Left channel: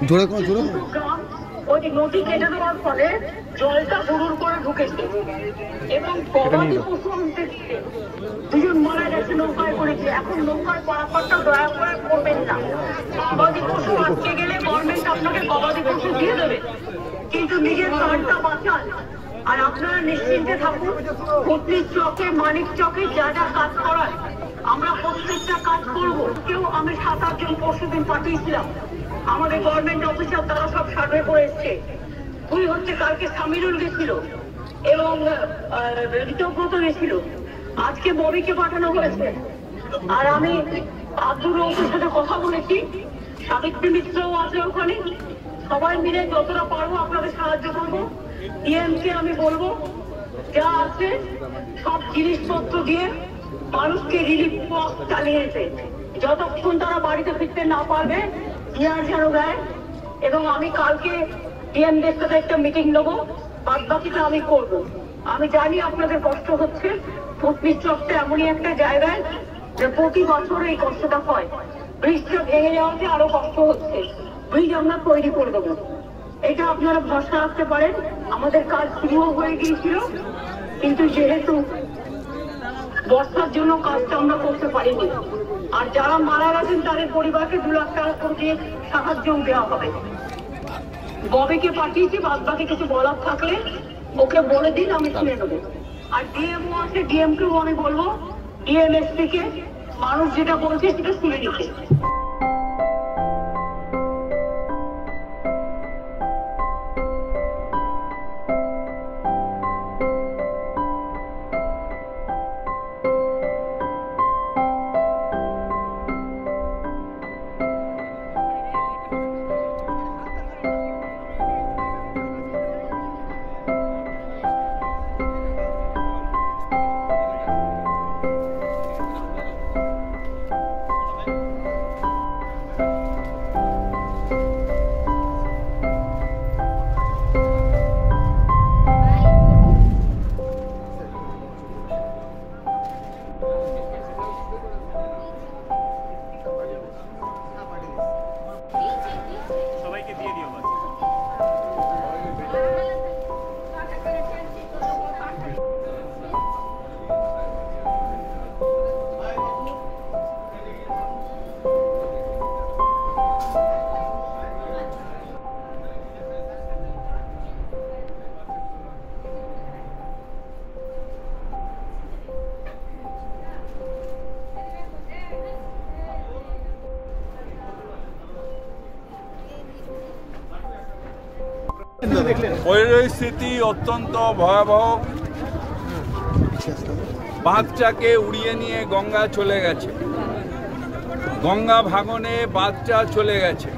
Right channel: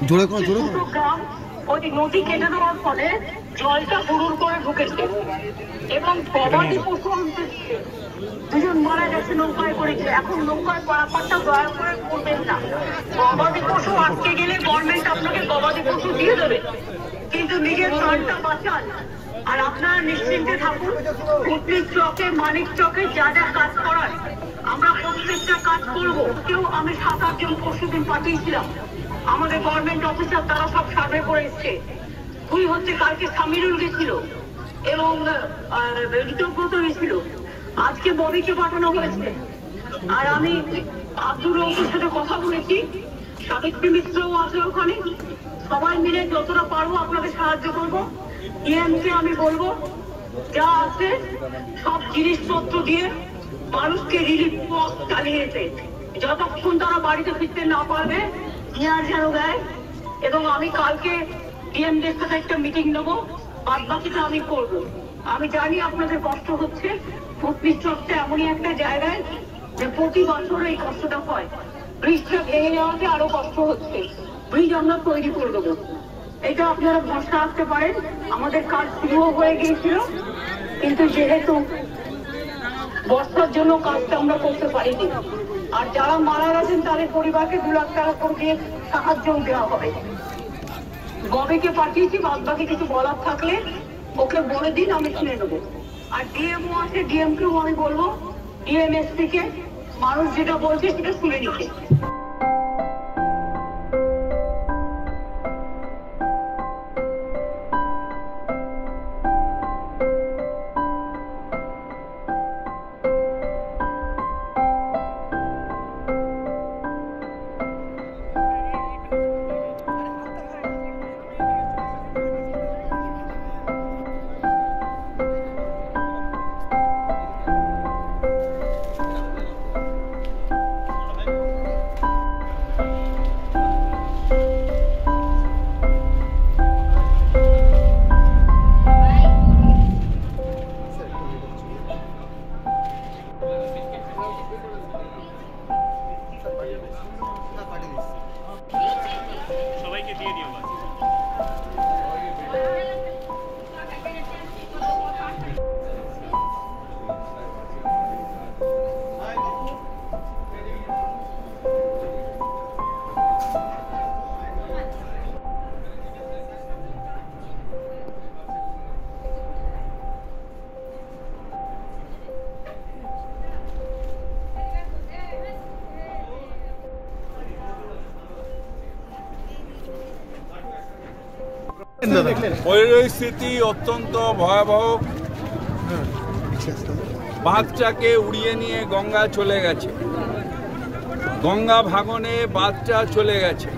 গ্রাম ওই নদী কেটে দেওয়ার ফলে জলটা হুড়ুর করে ঢুকেছে এবং গবাদি পশু আনতে দুজন মারা গেছে নৌকায় করেছে। এখন নৌকায় পারাপারটা দয়া করে করবেন না। গবাদি পশু আটকে গেলে গভর্নমেন্ট আপনাকে গবাদি পশু দিয়ে দেবে, কিন্তু নিজের প্রাণটা বাঁচান। আর আপনারা নিশ্চিন্তে থাকুন, কুটনির চকে মানিক চকে যা যা কাজ করার আমরা প্রত্যেকটা কাজ করব। কেউ আমি 7-8 জন পরশুদিন পাঠিয়েছিলাম আমাদের গভর্নমেন্ট অফিসার, তারা সব সার্ভে করে এসছে। দুই হচ্ছে কালকে সামিরুল গেছিল এবং ঋতব্রত গেছিল, আজকে ববিকে পাঠানো হয়েছে। আর আমি আব্দুর রৌফের সাথে কথা বলেছি, সাবিত্রী মিত্রও আছে ওখানে। সবাই মিলে যতটা পারবো আপনাদের সাহায্য করবো। ইএমকে আমি বলবো যা আছে সব জিনিসপত্র দিয়ে মানুষকে রিলিফ পথ চালিয়ে যেতে, যতক্ষণ তারা বাড়িতে ফিরতে না পারবে ইয়ার যেন দেয়। এবং আমি কালকে ডিএমদের সাথে একটা মিটিং নেবো, বাদ বাকিটা আমি করবো। আমি জানি আপনাদের কষ্ট হচ্ছে, কুটনির চকটা এমনই একটা জায়গায় যে প্রতি বছর এই কষ্টটা হয়। ব্রিজটা ভেঙে যাওয়াতে আরো কষ্ট হচ্ছে, ব্রিজ আমরা তৈরি করে দেবো, এটা আপনারা ভরসা রাখতে পারেন। আমাদের কাজ শুরু হয়ে গিয়েছিল, কিন্তু যেহেতু বর্ষার জন্য কাজটা আমরা করতে পারিনি। আর যারা মারা গেছেন তাদের পরিবারকে 2 লাখ টাকা করে দিয়ে সাহায্য দেওয়া হবে। ববিকে পাঠিয়েছি, বাদ বাকি কিছু বলার থাকলে ওকে বলে দিন, আমি শুনে নেবো। আর ডিএমও আছে, ডিএমকেও আমি বলবো ডিএমএসপি কে মানুষ যেটা বলছে সেটা শুনে নিতে। পরিস্থিতি অত্যন্ত ভয়াবহ। বাঁধটাকে উড়িয়ে নিয়ে গঙ্গা চলে গেছে, গঙ্গা ভাঙনে বাঁধটা চলে গেছে।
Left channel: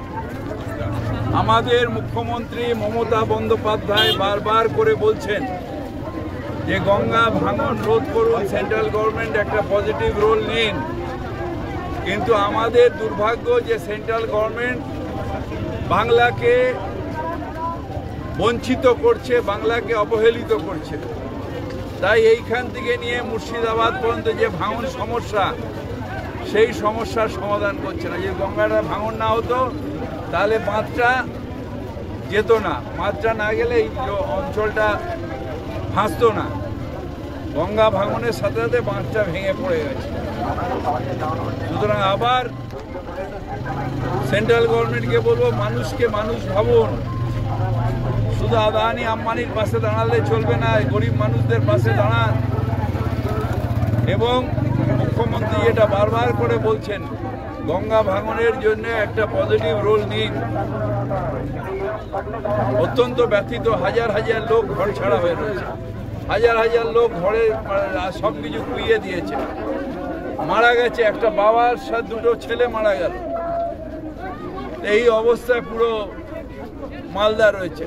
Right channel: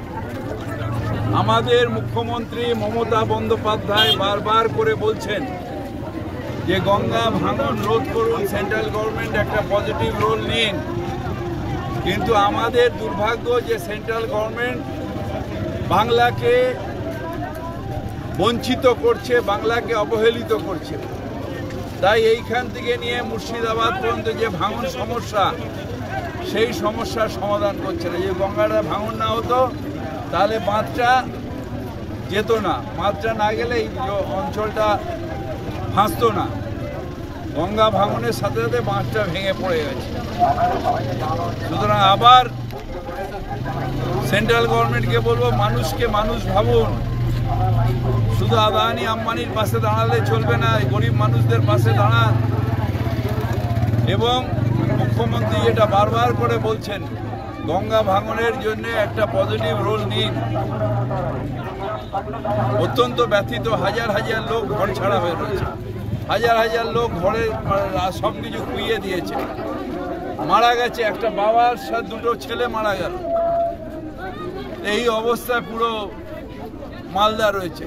আমাদের মুখ্যমন্ত্রী মমতা বন্দ্যোপাধ্যায় বারবার করে বলছেন যে গঙ্গা ভাঙন রোধ করুন, সেন্ট্রাল গভর্নমেন্ট একটা পজিটিভ রোল নিন। কিন্তু আমাদের দুর্ভাগ্য যে সেন্ট্রাল গভর্নমেন্ট বাংলাকে বঞ্চিত করছে, বাংলাকে অবহেলিত করছে। তাই এইখান থেকে নিয়ে মুর্শিদাবাদ পর্যন্ত যে ভাঙন সমস্যা, সেই সমস্যার সমাধান করছে না। যে গঙ্গাটা ভাঙন না হতো তাহলে বাঁধটা যেত না, বাঁধটা না গেলে এই অঞ্চলটা ভাসতো না। গঙ্গা ভাঙনের সাথে সাথে বাঁধটা ভেঙে পড়ে গেছে। সুতরাং আবার সেন্ট্রাল গভর্নমেন্টকে বলবো, মানুষকে মানুষ ভাবুন। শুধু আদানি আম্বানির পাশে দাঁড়ালে চলবে না, গরিব মানুষদের পাশে দাঁড়ান। এবং মুখ্যমন্ত্রী এটা বারবার করে বলছেন, গঙ্গা ভাঙনের জন্য একটা পজিটিভ রোল নিন। অত্যন্ত ব্যথিত, হাজার হাজার লোক ঘর ছাড়া হয়ে রয়েছে, হাজার হাজার লোক ঘরে সব কিছু খুইয়ে দিয়েছে, মারা গেছে। একটা বাবার সাথে 2 ছেলে মারা গেল। এই অবস্থায় পুরো মালদা রয়েছে।